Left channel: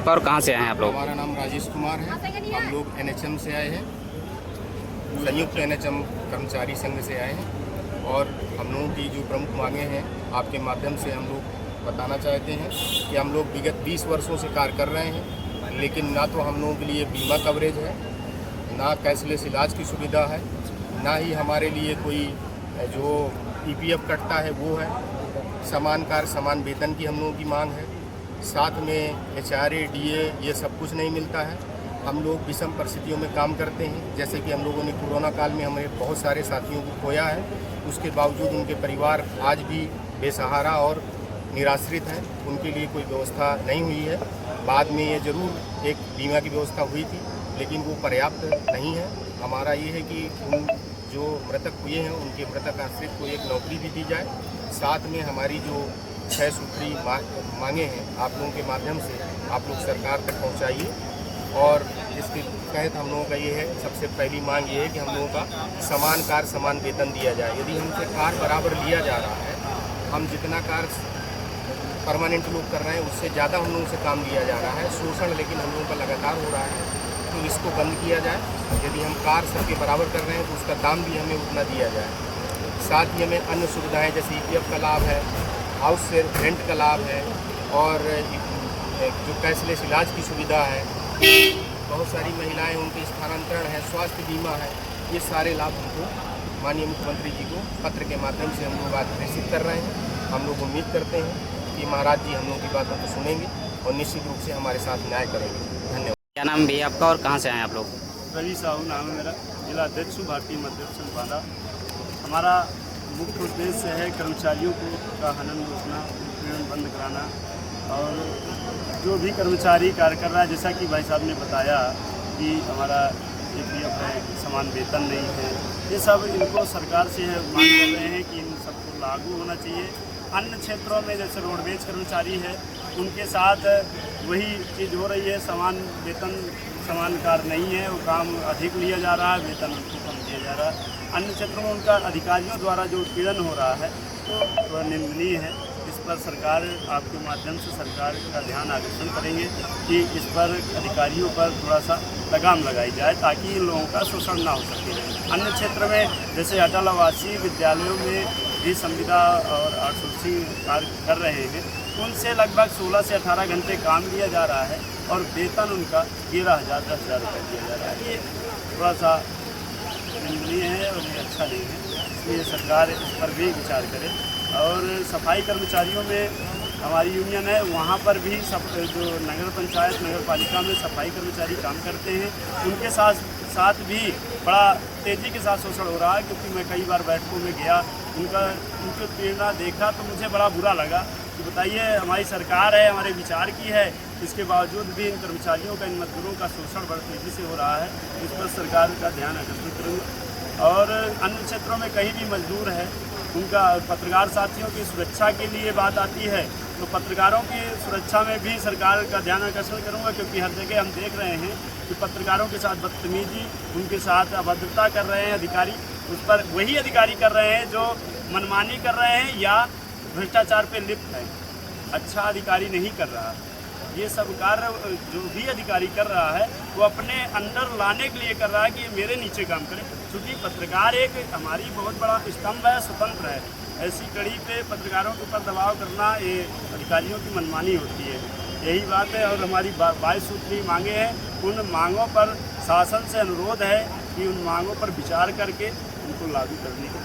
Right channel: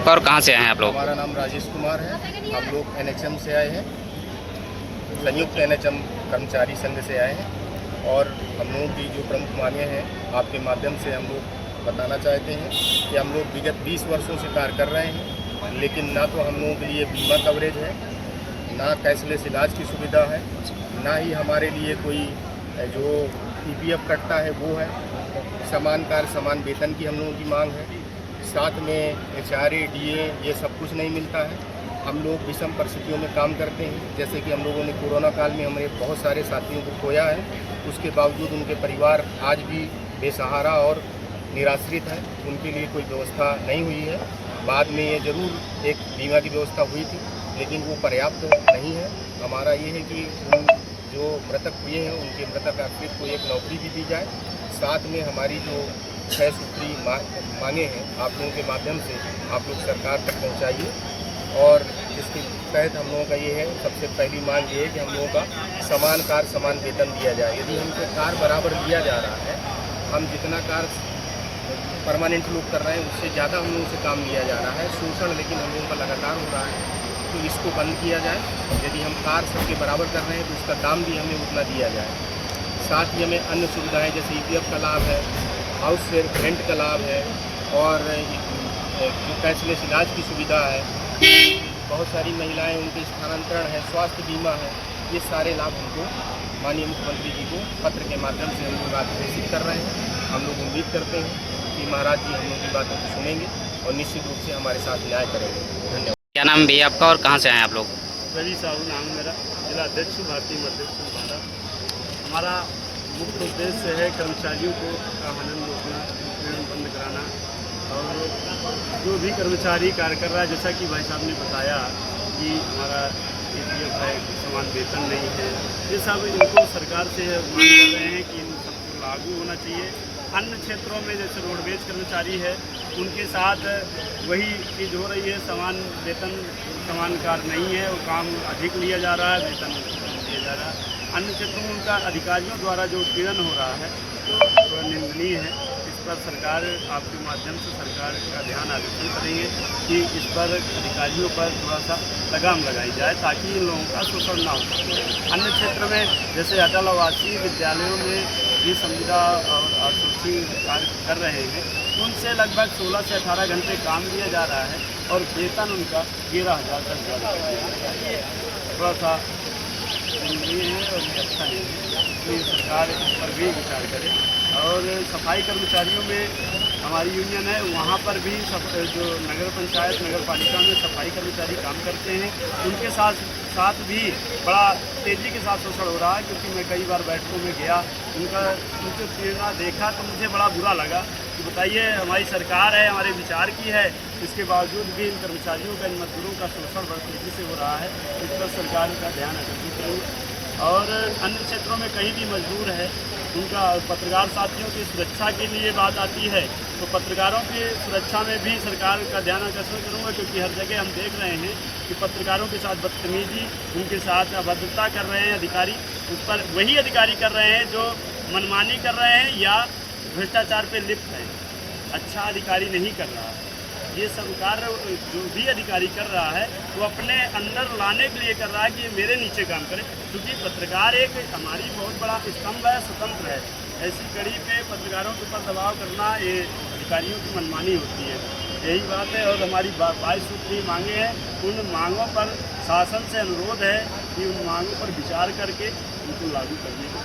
और कहाँ से आए हैं आप लोग? हमारा नाम राजेश कुमार है। हम लोग एनएचएम से आए हैं, संयुक्त एनएचएम कर्मचारी संघ से आए हैं। और हम लोगों की जो प्रमुख मांगे हैं आपके माध्यम से हम लोग बताना चाहते हैं कि हम लोग विगत 20 वर्षों से कार्य कर रहे हैं, लेकिन ना तो हम लोगों के लिए बीमा कवरेज है, ना कैशलेस इलाज की सुविधा है, ना ही हमारे लिए कोई जो ईपीएफ कटता है वो है। समान कार्य समान वेतन की हम लोगों की मांग है। साथ में एचआरए डीए ये सब कुछ नहीं मिलता है। हम लोग विषम परिस्थितियों में काम करते हैं, जैसे कि हम लोगों ने कोरोना काल में हमारे बहुत सारे साथियों को खोया है। उसके बावजूद उनके परिवार आज भी बेसहारा और निराश्रित हैं, उनके लिए कोई व्यवस्था नहीं हुई है। बाद में ये ज़रूर एक बीमा की व्यवस्था हुई थी, लेकिन वो पर्याप्त नहीं है। हमारा ये है कि उन जो मृतक हुए हैं उनके मृतक आश्रित को एक नौकरी भी दी जाए। साथ में हमारी जो 6 सूत्री मांगे हैं आप लोगों के माध्यम से आप लोग सरकार तक पहुंचाइए। और इसके तहत हम लोगों का ये है, सबसे पहली मांग ये है कि हम लोगों का समान कार्य समान वेतन दिया जाए। यदि हमसे कार्य बराबर लिया जा रहा है, हम जितना कार्य परमानेंट लोग कर रहे हैं उससे ज़्यादा हम लोगों से काम लिया जा रहा है। शोषण लेकिन हम लोगों का लगातार हो रहा है, तो इसको बंद किया जाए। यदि हम कार्य सबके बराबर कर रहे हैं तो उसका दाम भी हमें उतना दिया जाए। साथ ही हमें अन्य सुविधाएँ जैसे ईपीएफ का लाभ है, हाउस रेंट का लाभ है, और जो कैशलेस इलाज की सुविधा है, बहुत सारी महिलाएं उनके स्थानांतरण है, स्वास्थ्य बीमा है, ये सारे लाभ हमको माननीय मुख्यमंत्री जी को पत्र के माध्यम से हम लोग आज घोषित कर रहे हैं। हम लोग उम्मीद करते हैं कि महाराज जी हम लोग की बातों को सुनेंगे और निश्चित रूप से हमारे साथ न्याय करेंगे। धन्यवाद। क्या नाम भैया आपका और कहाँ से आए हैं आप लोग? रवि साहू नाम है मेरा, जिला अध्यक्ष हूँ भारतीय मजदूर संघ बांदा। हमारा मुख्य उद्देश्य है कर्मचारियों को का हनन रोकना, उत्पीड़न बंद कराना। और जो भी कर्मचारी कार्य कर रहा है, जैसा कि भाई साहब ने बताया कि हमारा ईपीएफ है, समान वेतन नहीं है, ये सब इनको सरकार से मांग कर रहे हैं कि इन सबको लागू होना चाहिए। अन्य क्षेत्रों में जैसे रोडवेज कर्मचारी है, उनके साथ वही चीज़ हो रही है, समान वेतन समान कार्य नहीं है, वो काम अधिक लिया जा रहा है, वेतन कम दिया जा रहा है। अन्य क्षेत्रों में उनका अधिकारियों द्वारा जो उत्पीड़न हो रहा है तो थोड़ा निंदनीय है। इस पर सरकार आपके माध्यम से सरकार का ध्यान आकर्षण करेंगे कि इस पर अधिकारियों पर थोड़ा सा लगाम लगाई जाए, ताकि इन लोगों का शोषण ना हो सके। अन्य क्षेत्र में जैसे अटल आवासीय विद्यालयों में भी संविदा और आउटसोर्सिंग कार्य कर रहे हैं, उनसे लगभग 16 से 18 घंटे काम लिया जा रहा है और वेतन उनका 13,000 से 10,000 रुपये दिया जा रहा है। ये थोड़ा सा निंदनीय है और ये अच्छा नहीं है, इसलिए सरकार इस पर भी विचार करे। और सफाई कर्मचारियों में हमारी यूनियन है, वहाँ पर भी जो नगर पंचायत नगर पालिका में सफाई कर्मचारी काम करते हैं, उनके साथ भी बड़ा तेज़ी के साथ शोषण हो रहा है। क्योंकि मैं कई बार बैठकों में गया, उनकी प्रेरणा देखा तो मुझे बड़ा बुरा लगा कि बताइए हमारी सरकार है, हमारे विचार की है, इसके बावजूद भी इन कर्मचारियों का, इन मजदूरों का शोषण बड़ी तेज़ी से हो रहा है। इस पर सरकार का ध्यान आकर्षित करेंगे। और अन्य क्षेत्रों में कहीं भी मजदूर है, उनका पत्रकार साथियों की सुरक्षा के लिए बात आती है, तो पत्रकारों की सुरक्षा में भी सरकार का ध्यान आकर्षण करूँगा। क्योंकि हर जगह हम देख रहे हैं कि पत्रकारों के साथ बदतमीजी, उनके साथ अभद्रता कर रहे हैं अधिकारी। उस पर वही अधिकारी कर रहे हैं जो मनमानी कर रहे हैं या भ्रष्टाचार पे लिप्त हैं, अच्छा अधिकारी नहीं कर रहा। ये सब कार्य जो भी अधिकारी कर रहा है वो अपने अंदर लाने के लिए कर रहा है कि मेरे नीचे काम करे। क्योंकि पत्रकार एक हमारी बहुत बड़ा स्तंभ है, स्वतंत्र है। ऐसी कड़ी पे पत्रकारों के ऊपर दबाव करना ये अधिकारियों की मनमानी होती है, यही बात है। और हमारी 22 सूत्री मांगे हैं, उन मांगों पर शासन से अनुरोध है कि उन मांगों पर विचार करके उनको लागू करने को